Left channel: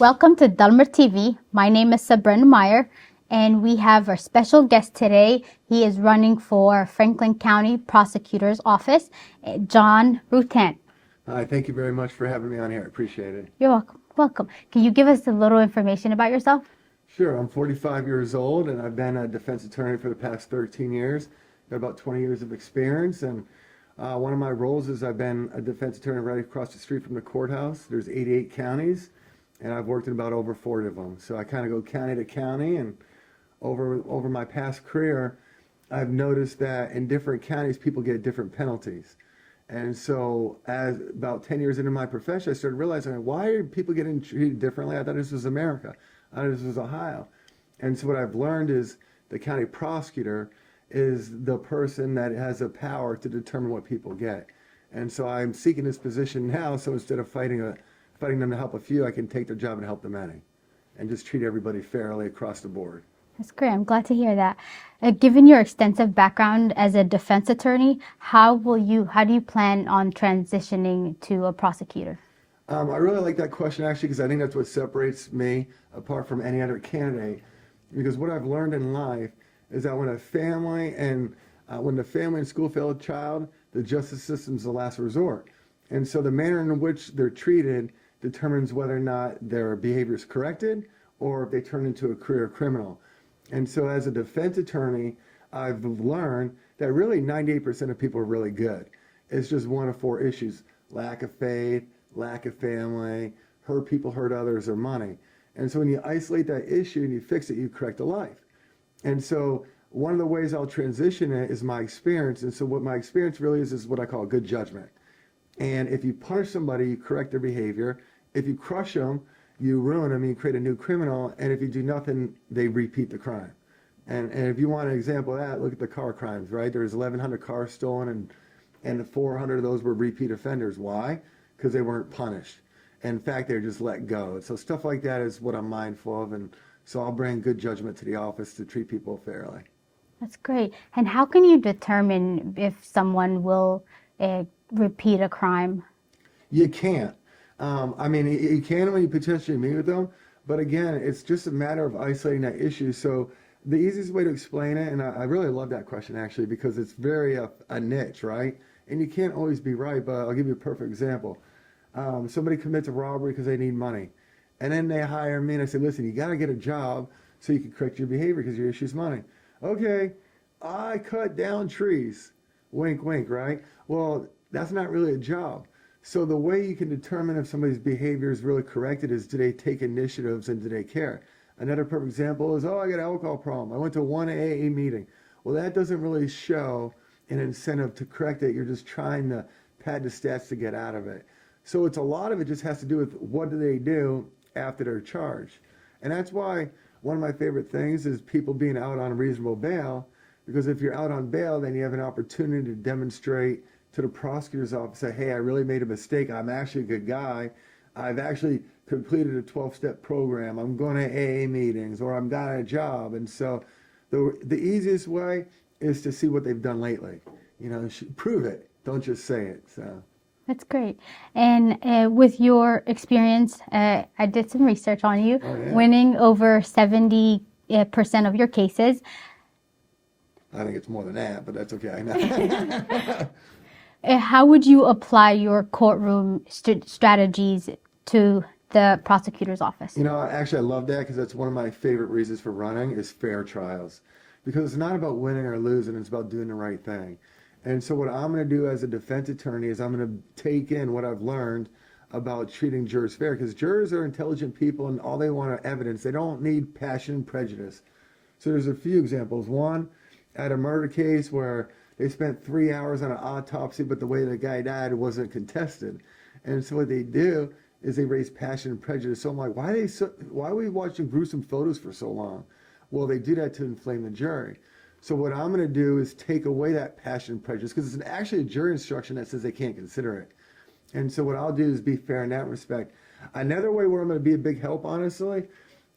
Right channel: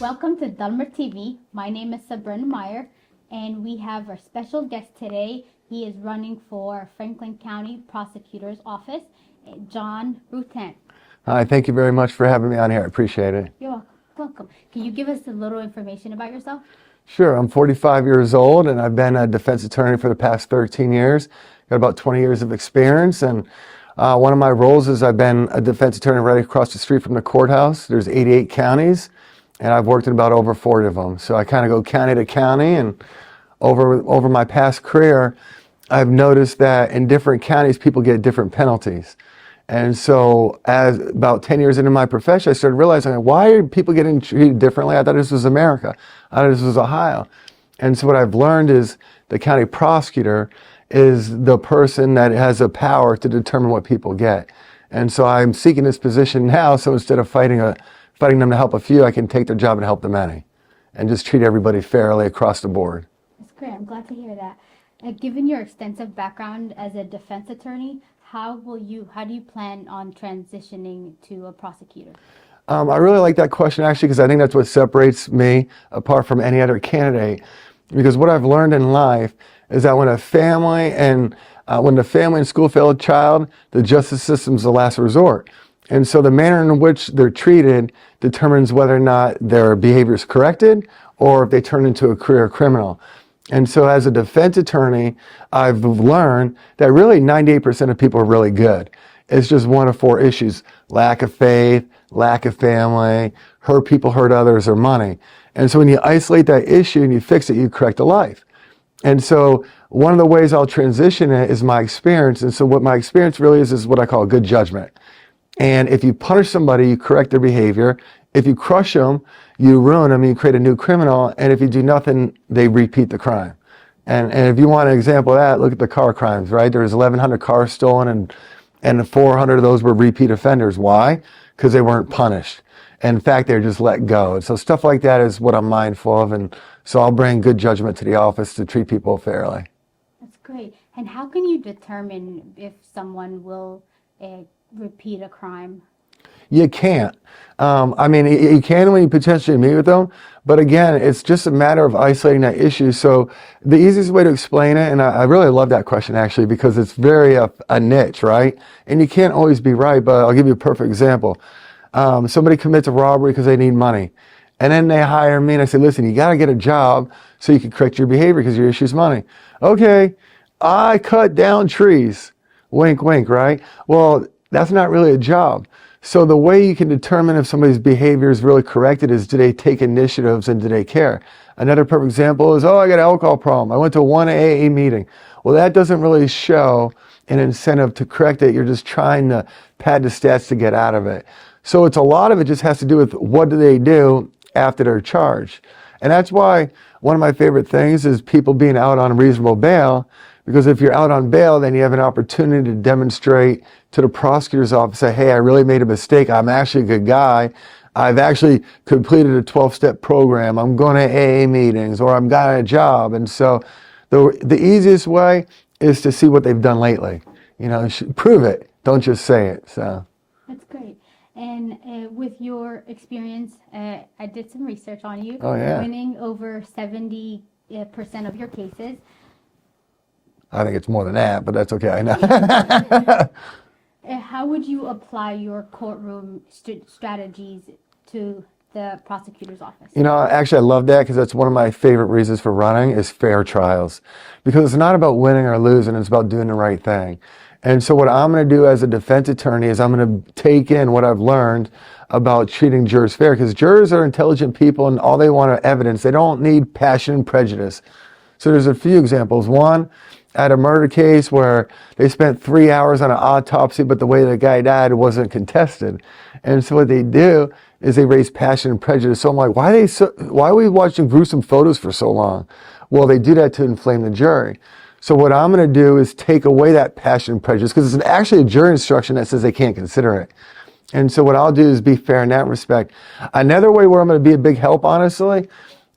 Welcome to Dalmar TV. My name is Sabrina Meyer, and we have our special guest today. He is running for Franklin County Prosecutor's Office, John Rutan. Hi, thank you very much for having me on here. I appreciate it. You're welcome. Welcome. Can you give us a little information about yourself? Sure. I'm 45 years old, and I've been a defense attorney for the past 13 years. Got about 20 years of experience, and one of my roles is I've been a defense attorney right across the street from the courthouse. There's 88 counties, and I've worked in about over 40 of them. So I kind of go county to county, and over my past career, I've noticed that in different counties, people get different penalties. And so as about 10 years into my profession, I started realizing, why are people getting treated differently? I thought this was America. I thought this was Ohio. And so what I've learned is the county prosecutor is the person that has the power to determine what people get. And so I'm seeking this position now, so instead of fighting them to help a few, I can take their job and help the many, and just treat everybody fairly across the board. That's great. I'm glad to hear that. Given your extensive background as a defense attorney, how do you plan on transitioning to a prosecutor? I really like that question, actually, because I think that's what separates me apart from any other candidate. Because what I've learned in life is that when the family and school fail a child, the justice system's the last resort. And so the manner in which they're treated determines whether or not their behavior is corrected or if they turn into a career criminal. And so as a defense attorney, I've learned that really 98% of people are really good. It's just one of four issues: lack of faith, lack of family, hurt people, hurt others, or money. And so when you isolate that issue and you fix it, you correct a life. And so one of the ways I'll transition it is my experience. And so what my experience really is what I call good judgment. And if you punish somebody, you correct their behavior. If you crush them, you ruin them, you create a new criminal. And if you do nothing, they repeat the crime. And if you want an example of that, look at the car crimes, right? There's 1,100 cars stolen, and 400 of those were repeat offenders. Why? Because they weren't punished. In fact, they're just let go. And so stuff like that is what I'm mindful of. And so I'll bring good judgment to the office to treat people fairly. That's great. And how can you determine if someone will repeat a crime? You can't. I mean, you can when you potentially meet with them, but again, it's just a matter of isolating that issue. So the easiest way to explain it, and I really love that question actually, because it's very a niche, right? And you can't always be right, but I'll give you a perfect example. Somebody commits a robbery because they need money, and then they hire me, and I say, listen, you got to get a job so you can correct your behavior because your issue is money. Okay, I cut down trees. Wink, wink, right? Well, that's not really a job. So the way you can determine if somebody's behavior is really corrected is, do they take initiatives and do they care? Another perfect example is, I got an alcohol problem. I went to one AA meeting. Well, that doesn't really show an incentive to correct it. You're just trying to pad the stats to get out of it. So a lot of it just has to do with what do they do after they're charged. And that's why one of my favorite things is people being out on reasonable bail, because if you're out on bail, then you have an opportunity to demonstrate to the prosecutor's office, say, hey, I really made a mistake. I'm actually a good guy. I've actually completed a 12-step program. I'm going to AA meetings, or I've got a job. And so the easiest way is to see what they've done lately. Prove it. Don't just say it. So that's great. And with your experience, I did some research on you, winning over 70% of your cases. I think it's more than that, but that's okay. I know. How would you apply your courtroom strategies to the prosecutor's office? Actually, I love that because that's one of my favorite reasons for running is fair trials. Because it's not about winning or losing, it's about doing the right thing. And so what I'm going to do as a defense attorney is I'm going to take in what I've learned about treating jurors fair, because jurors are intelligent people and all they want are evidence. They don't need passion and prejudice. So there's a few examples. One, I had a murder case where they spent 3 hours on an autopsy, but the way the guy died wasn't contested. And so what they do is they raise passion and prejudice. So I'm like, why are we watching gruesome photos for so long? Well, they do that to inflame the jury. So what I'm going to do is take away that passion and prejudice, because it's actually a jury instruction that says they can't consider it. And so what I'll do is be fair in that respect. Another way where I'm going to be a big help, honestly,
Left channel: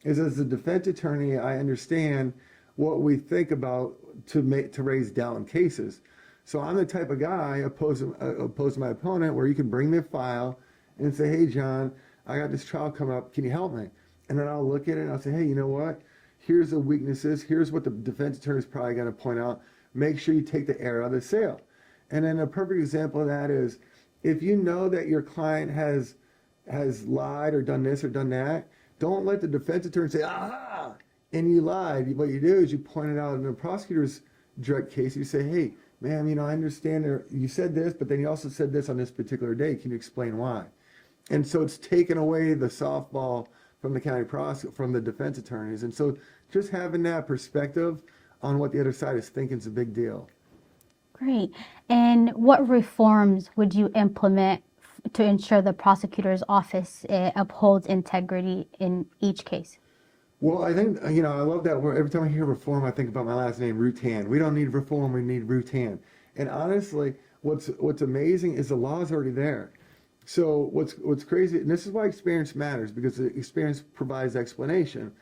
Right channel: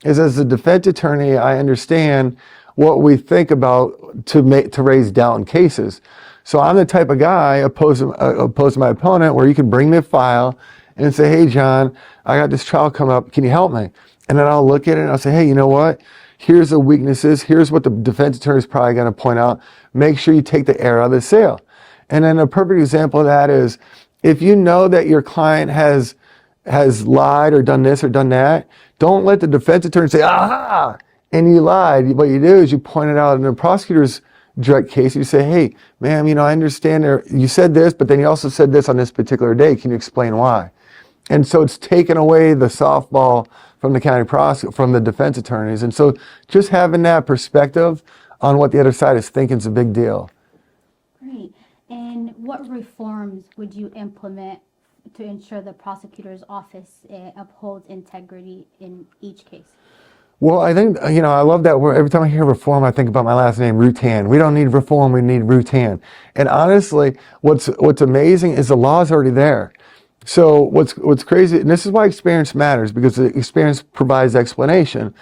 is as a defense attorney, I understand what we think about to raise doubt in cases. So I'm the type of guy, opposed to my opponent, where you can bring me a file and say, hey, John, I got this trial coming up. Can you help me? And then I'll look at it and I'll say, hey, you know what? Here's the weaknesses. Here's what the defense attorney is probably going to point out. Make sure you take the air out of the sail. And then a perfect example of that is if you know that your client has lied or done this or done that, don't let the defense attorney say, aha, and you lied. What you do is you point it out in the prosecutor's direct case. You say, hey, ma'am, I understand you said this, but then you also said this on this particular day. Can you explain why? And so it's taken away the softball from the county prosecutor, from the defense attorneys. And so just having that perspective on what the other side is thinking is a big deal. Great. And what reforms would you implement to ensure the prosecutor's office upholds integrity in each case? Well, I think, I love that word. Every time I hear reform, I think about my last name, Rutan. We don't need reform, we need Rutan. And honestly, what's amazing is the law is already there. So what's crazy, and this is why experience matters, because the experience provides explanation.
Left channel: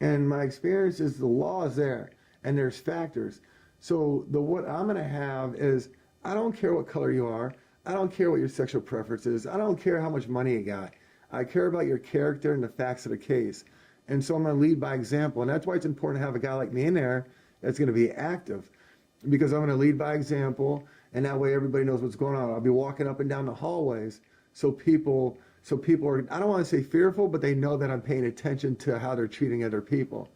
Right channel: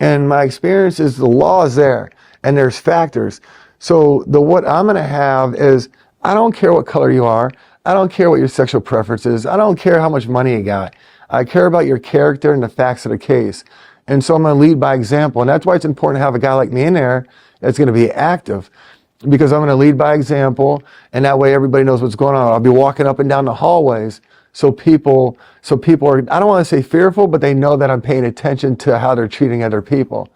And my experience is the law is there, and there's factors. So what I'm going to have is, I don't care what color you are. I don't care what your sexual preference is. I don't care how much money you got. I care about your character and the facts of the case. And so I'm going to lead by example. And that's why it's important to have a guy like me in there that's going to be active, because I'm going to lead by example. And that way everybody knows what's going on. I'll be walking up and down the hallways. So people are, I don't want to say fearful, but they know that I'm paying attention to how they're treating other people.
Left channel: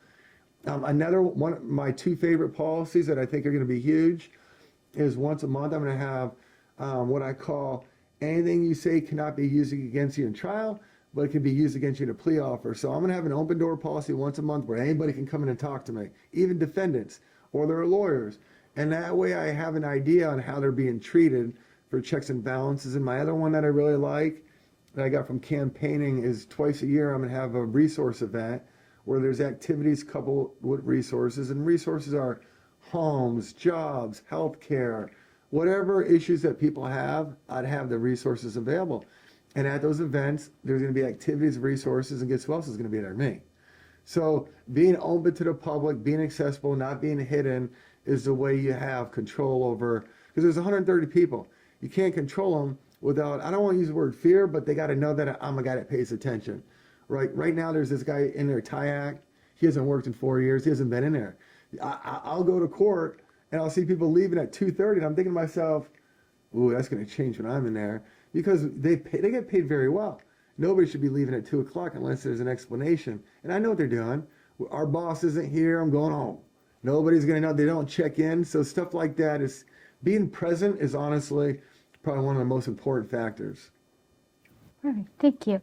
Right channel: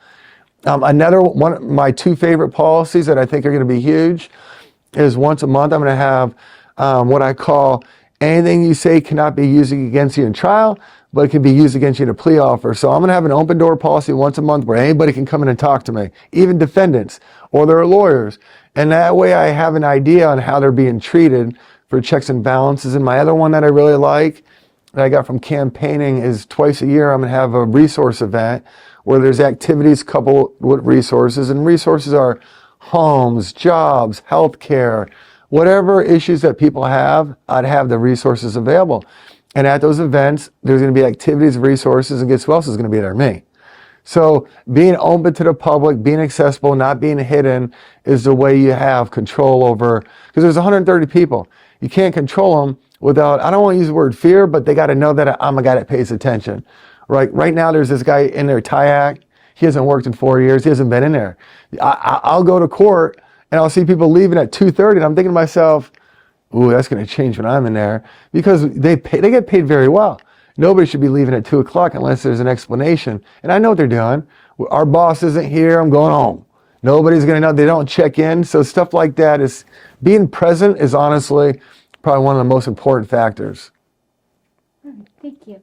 Another one, my two favorite policies that I think are going to be huge is once a month I'm going to have what I call anything you say cannot be used against you in trial, but it can be used against you in a plea offer. So I'm going to have an open door policy once a month where anybody can come in and talk to me, even defendants or their lawyers. And that way I have an idea on how they're being treated for checks and balances. And my other one that I really like, that I got from campaigning, is twice a year I'm going to have a resource event where there's activities coupled with resources. And resources are homes, jobs, healthcare, whatever issues that people have, I'd have the resources available. And at those events, there's going to be activities, resources, and guess who else is going to be there? Me. So being open to the public, being accessible, not being hidden is the way you have control over, because there's 130 people. You can't control them without, I don't want to use the word fear, but they got to know that I'm a guy that pays attention. Right now, there's this guy in there, Tyak. He hasn't worked in 4 years. He hasn't been in there. I'll go to court and I'll see people leaving at 2:30, and I'm thinking to myself, ooh, that's going to change when I'm in there, because they get paid very well. Nobody should be leaving at 2 o'clock unless there's an explanation. And I know what they're doing. Our boss isn't here. I'm going home. Nobody's going to know. They don't check in. So stuff like that is, being present is honestly probably one of the most important factors. Perfect. Thank you.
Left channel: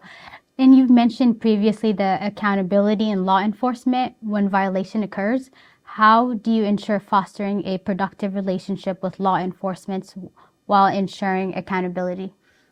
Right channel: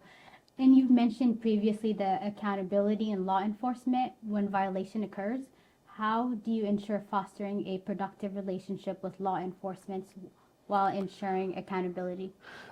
And you've mentioned previously the accountability in law enforcement when violation occurs. How do you ensure fostering a productive relationship with law enforcement while ensuring accountability?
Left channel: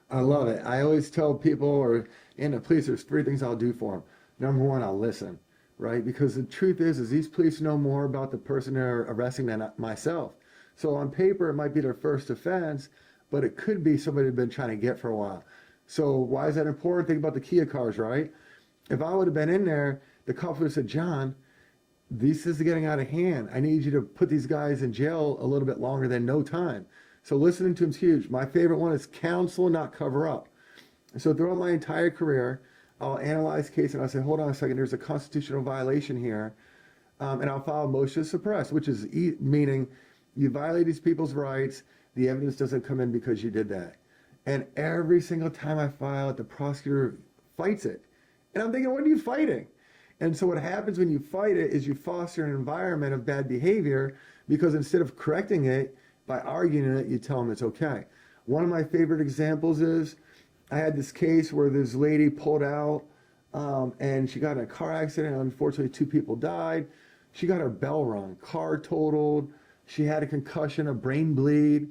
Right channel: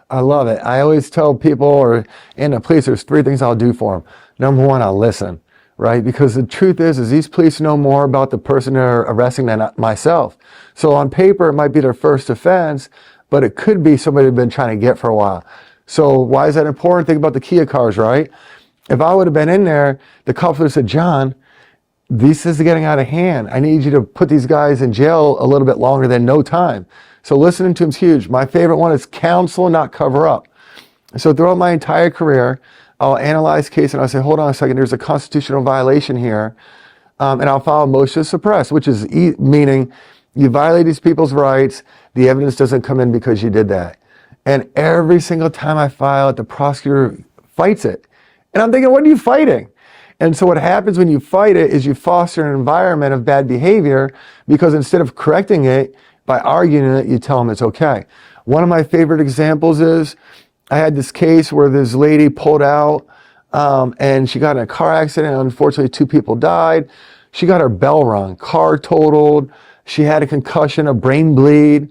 I love it. I always tell people, or in the police, there's 3 things I'll do for them. Number 1, I'll listen, right? Because the truth is these police know more about the person they're arresting than myself. So on paper, it might be their first offense, but it could be somebody they've been trying to get for a while. So why is that important? Think about the Kia cars, right? If I would have been in there, the cops would have said, John, this is getting out of hand. I need you to put these guys in jail a little bit longer than no time. So listening to him is huge. My favorite one is counsel, not cover up. So throughout my entire career, I'll analyze case and I'll say, hold on a second, there's a constitutional violation here. And I'll file a motion to suppress, which is meaning you violate these people's rights, the evidence doesn't come in because you did that. And every single time I file it, the prosecutor fights it. And I'm thinking, what are you fighting? And so what happens when you fight it is you foster an environment of bad behavior, because instead of correcting it by arguing it, you tell them it's okay. One of my favorite examples is I had this case where this lady pulled out and she got in a car accident. Unfortunately, 2 people died. She got her bell rung, car totaled. She had a concussion, a brain bleed.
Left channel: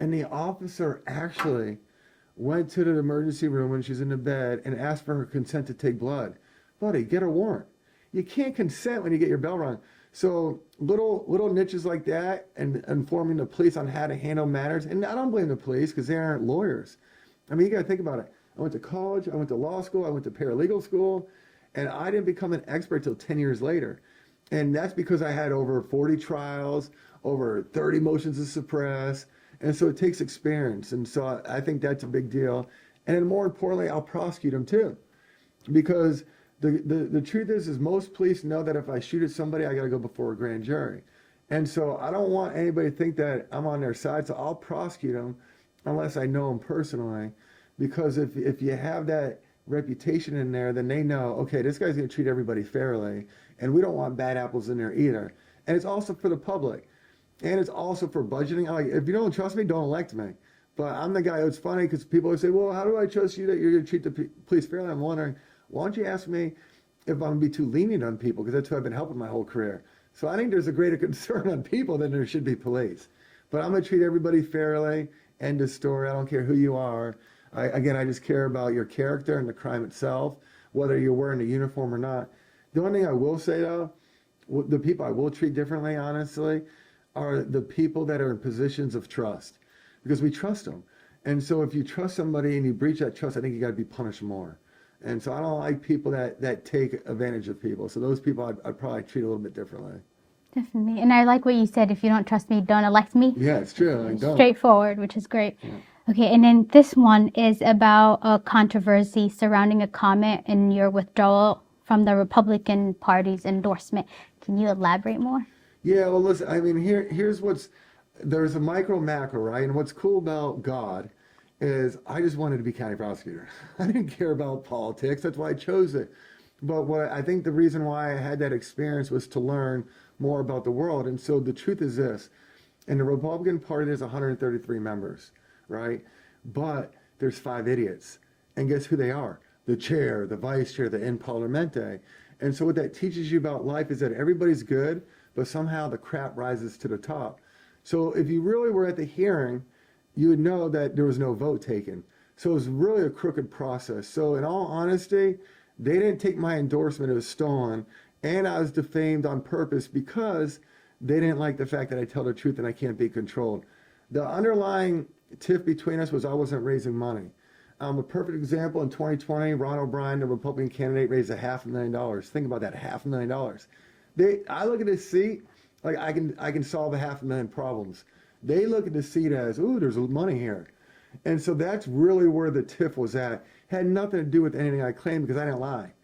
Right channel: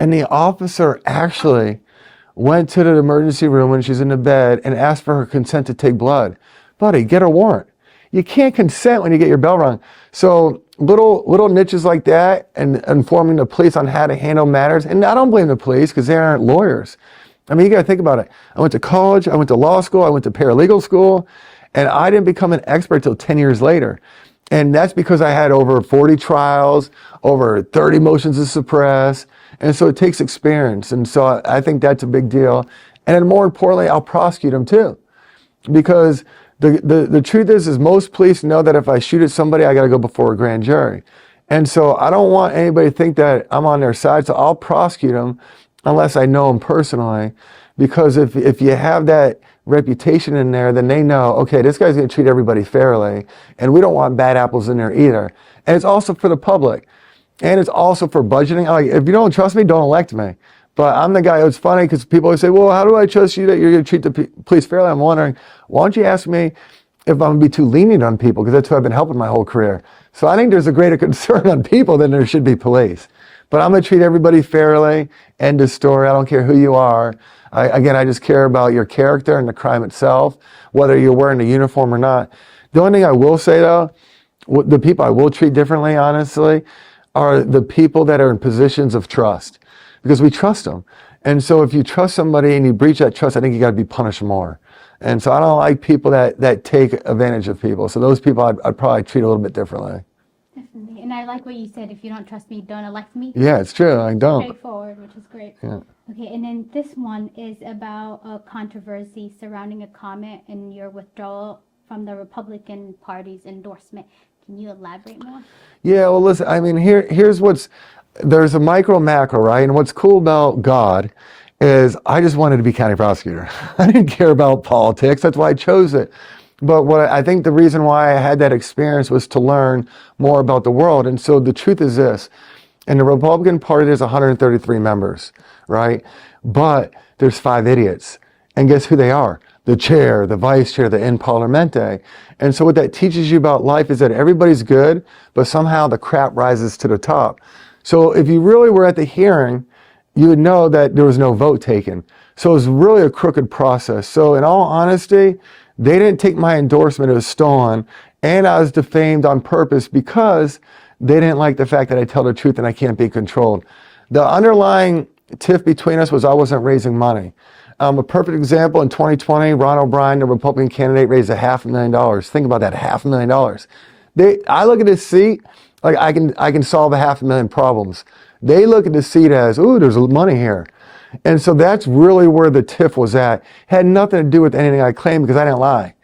And the officer actually went to the emergency room when she's in the bed and asked for her consent to take blood. Buddy, get a warrant. You can't consent when you get your bell rung. So little niches like that, and informing the police on how to handle matters. And I don't blame the police, because they aren't lawyers. I mean, you got to think about it. I went to college, I went to law school, I went to paralegal school, and I didn't become an expert till 10 years later. And that's because I had over 40 trials, over 30 motions to suppress. And so it takes experience. And so I think that's a big deal. And then more importantly, I'll prosecute them too. Because the truth is most police know that if I shoot at somebody, I got to go before a grand jury. And so I don't want anybody to think that I'm on their side, so I'll prosecute them unless I know them personally. Because if you have that reputation in there, then they know, okay, this guy's going to treat everybody fairly, and we don't want bad apples in there either. And it's also for the public, and it's also for budgeting. Like, if you don't trust me, don't elect me. But I'm the guy. It's funny because people always say, well, how do I trust you that you're going to treat the police fairly? I'm wondering, why don't you ask me if I'm going to be too lenient on people, because that's who I've been helping my whole career. So I think there's a greater concern on people than there should be police. But I'm going to treat everybody fairly. End of story. I don't care who you are. I just care about your character and the crime itself, whether you're wearing a uniform or not. The only thing I will say, though, the people I will treat differently, honestly, are the people that are in positions of trust, because we trust them. And so if you trust somebody and you breach that trust, I think you got to be punished more. And so I don't like people that take advantage of people. So those people I'd probably treat a little bit differently. Definitely. And I like what you said, if you don't trust me, don't elect me. Yeah, it's true. I don't. Straightforward, which is great. Yeah. Okay, and then this one is about a controversy surrounding a comment in your withdrawal from the Republican Party's endorsement. Can you elaborate more? Yeah, well, listen, I mean, here's there's a micro macro, right? And what's cool about God is I just wanted to be county prosecutor. I didn't care about politics. That's why I chose it. But I think the reason why I had that experience was to learn more about the world. And so the truth is this: in the Republican Party, there's 133 members, right? But there's 5 idiots. And guess who they are? The chair, the vice chair, the in parliamente. And so what that teaches you about life is that everybody's good, but somehow the crap rises to the top. So if you really were at the hearing, you would know that there was no vote taken. So it was really a crooked process. So in all honesty, they didn't take my endorsement, it was stolen, and I was defamed on purpose because they didn't like the fact that I tell the truth and I can't be controlled. The underlying tiff between us was I wasn't raising money. A perfect example, in 2020, Ron O'Brien, the Republican candidate, raised $500,000. Think about that, $500,000. I look at this seat like I can solve $500,000 problems. They look at the seat as, ooh, there's money here. And so that's really where the tiff was at. Had nothing to do with anything I claimed because I didn't lie.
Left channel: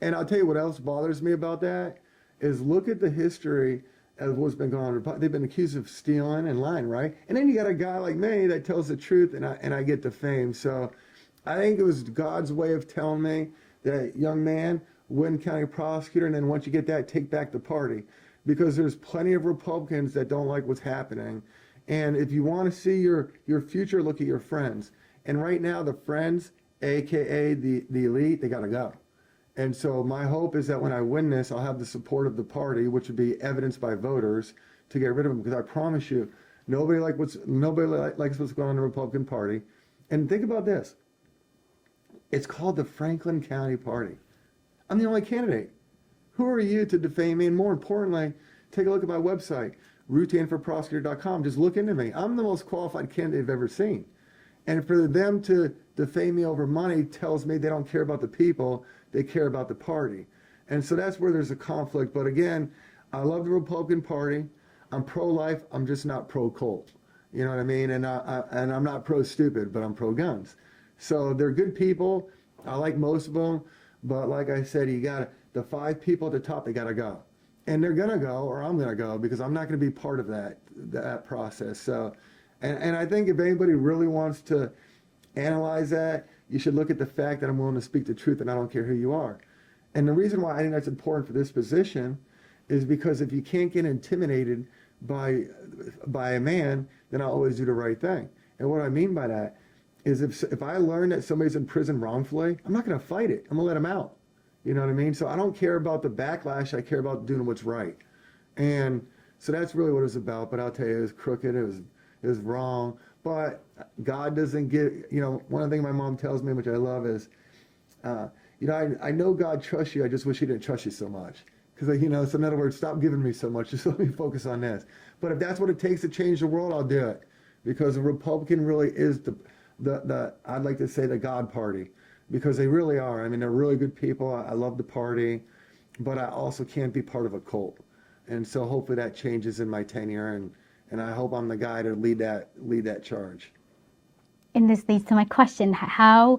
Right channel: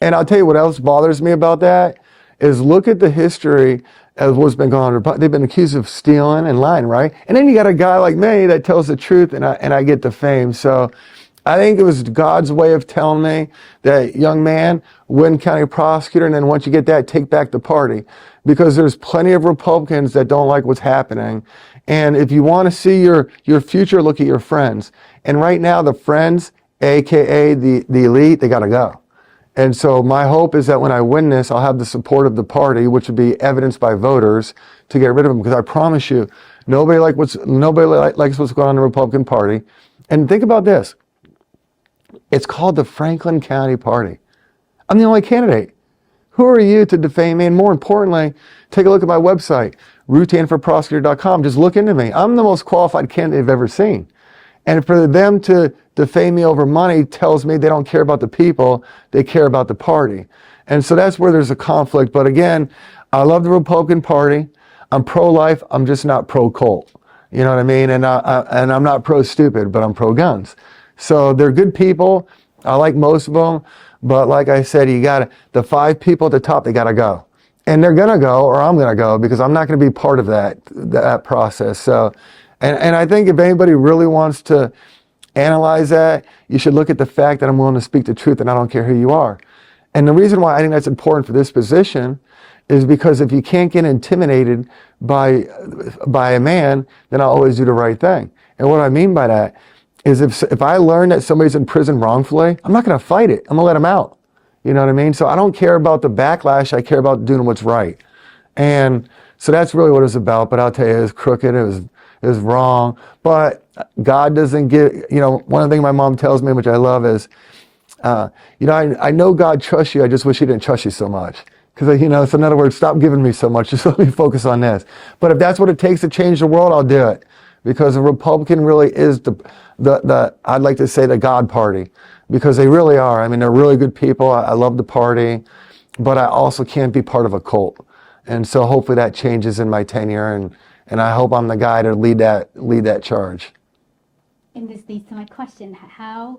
And I'll tell you what else bothers me about that is look at the history of what's been going on. They've been accused of stealing and lying, right? And then you got a guy like me that tells the truth and I get the fame. So I think it was God's way of telling me that, young man, win county prosecutor, and then once you get that, take back the party. Because there's plenty of Republicans that don't like what's happening. And if you want to see your future, look at your friends. And right now, the friends, AKA the elite, they got to go. And so my hope is that when I win this, I'll have the support of the party, which would be evidenced by voters, to get rid of them. Because I promise you, nobody likes what's going on in the Republican Party. And think about this. It's called the Franklin County Party. I'm the only candidate. Who are you to defame me? And more importantly, take a look at my website, rutanforprosecutor.com. Just look into me. I'm the most qualified candidate I've ever seen. And for them to defame me over money tells me they don't care about the people, they care about the party. And so that's where there's a conflict. But again, I love the Republican Party. I'm pro-life. I'm just not pro-cult. You know what I mean? And I'm not pro-stupid, but I'm pro-guns. So they're good people. I like most of them. But like I said, the 5 people at the top, they got to go. And they're going to go, or I'm going to go, because I'm not going to be part of that process. So, and I think if anybody really wants to analyze that, you should look at the fact that I'm willing to speak the truth and I don't care who you are. And the reason why I think that's important for this position is because if you can't get intimidated by a man, then I'll always do the right thing. And what I mean by that is if I learn that somebody's in prison wrongfully, I'm not going to fight it. I'm going to let them out. You know what I mean? So I don't care about the backlash. I care about doing what's right. And so that's really what it's about. But I'll tell you, it was crooked. It was wrong. But God doesn't give, one of the things my mom tells me, which I love, is, I know God trusts you. I just wish he didn't trust you so much. Because, so in other words, stop giving me so much. Just let me focus on this. But if that's what it takes to change the world, I'll do it. Because a Republican really is I'd like to say the God party, because they really are. I mean, they're really good people. I love the party, but I also can't be part of a cult. And so hopefully that changes in my tenure, and I hope I'm the guy to lead that charge. And this leads to my question. How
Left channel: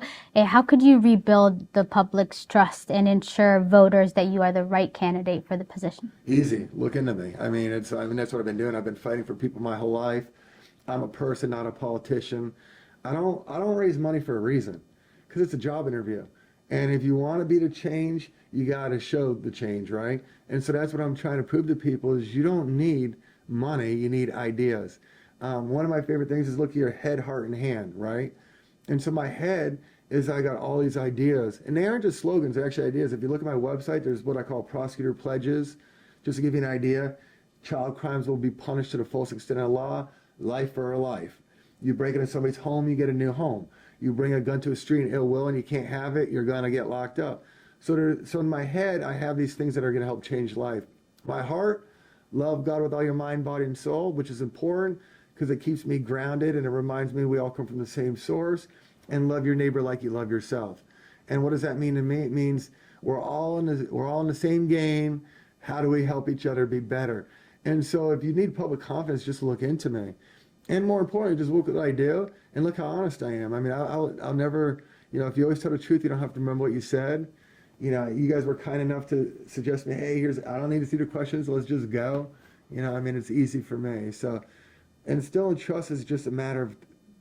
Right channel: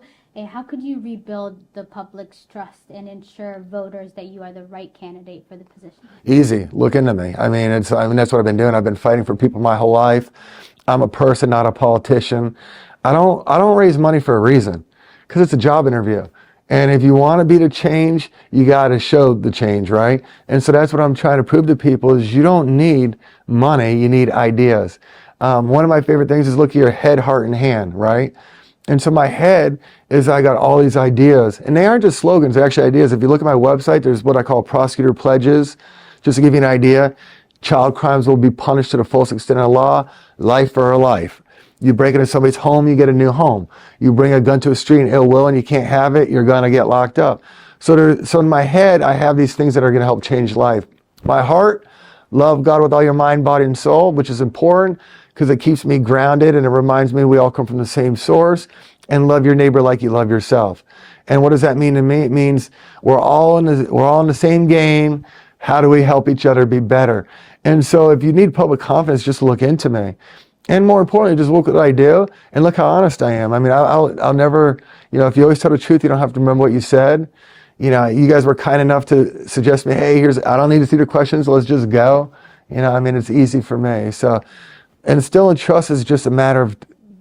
could you rebuild the public's trust and ensure voters that you are the right candidate for the position? Easy. Look into me. I mean, that's what I've been doing. I've been fighting for people my whole life. I'm a person, not a politician. I don't raise money for a reason, because it's a job interview. And if you want to be the change, you got to show the change, right? And so that's what I'm trying to prove to people is you don't need money, you need ideas. One of my favorite things is look at your head, heart, and hand, right? And so my head is I got all these ideas, and they aren't just slogans, they're actually ideas. If you look at my website, there's what I call prosecutor pledges. Just to give you an idea, child crimes will be punished to the fullest extent of the law, life for a life. You break into somebody's home, you get a new home. You bring a gun to a street in ill will and you can't have it, you're gonna get locked up. So in my head, I have these things that are gonna help change life. My heart, love God with all your mind, body, and soul, which is important because it keeps me grounded and it reminds me we all come from the same source. And love your neighbor like you love yourself. And what does that mean to me? It means we're all in the same game. How do we help each other be better? And so if you need public confidence, just look into me. And more importantly, just look at what I do and look how honest I am. I mean, I'll never, if you always tell the truth, you don't have to remember what you said. You guys were kind enough to suggest me, hey, I don't need to see the questions, let's just go. It's easy for me. So, and still in trust is just a matter of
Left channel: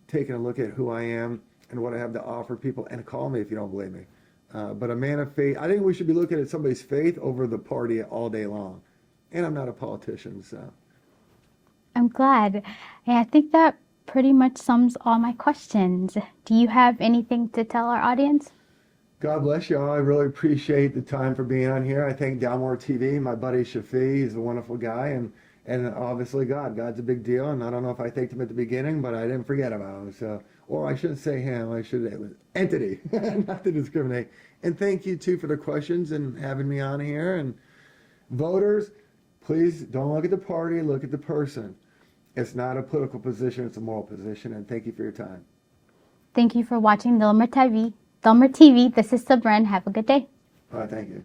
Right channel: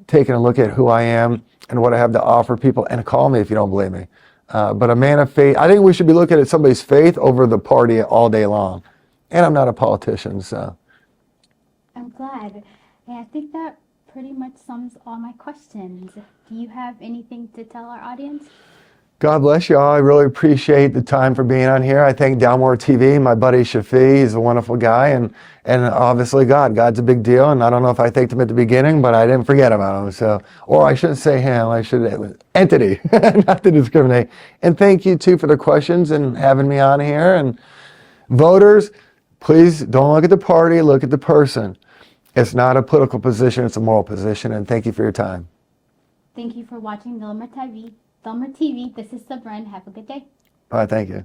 taking a look at who I am and what I have to offer people, and call me if you don't believe me. But a man of faith, I think we should be looking at somebody's faith over the party all day long. And I'm not a politician, so. I'm glad. Yeah, I think that pretty much sums all my questions. Do you have anything to tell our audience? God bless you all. I really appreciate the time for being on here. I thank Dalmar TV, my buddy Shafi. He's a wonderful guy. And obviously God's a big deal. And I don't know if I thanked him at the beginning, but I didn't forget about him. So, or I shouldn't say him. I should, entity, not to discriminate. And thank you too for the questions and having me on here. And voters, please don't look at the party, look at the person. It's not a political position, it's a moral position. And thank you for your time. Thank you for watching Dalmar TV. This is Sabren. Have a good day. All right, thank you.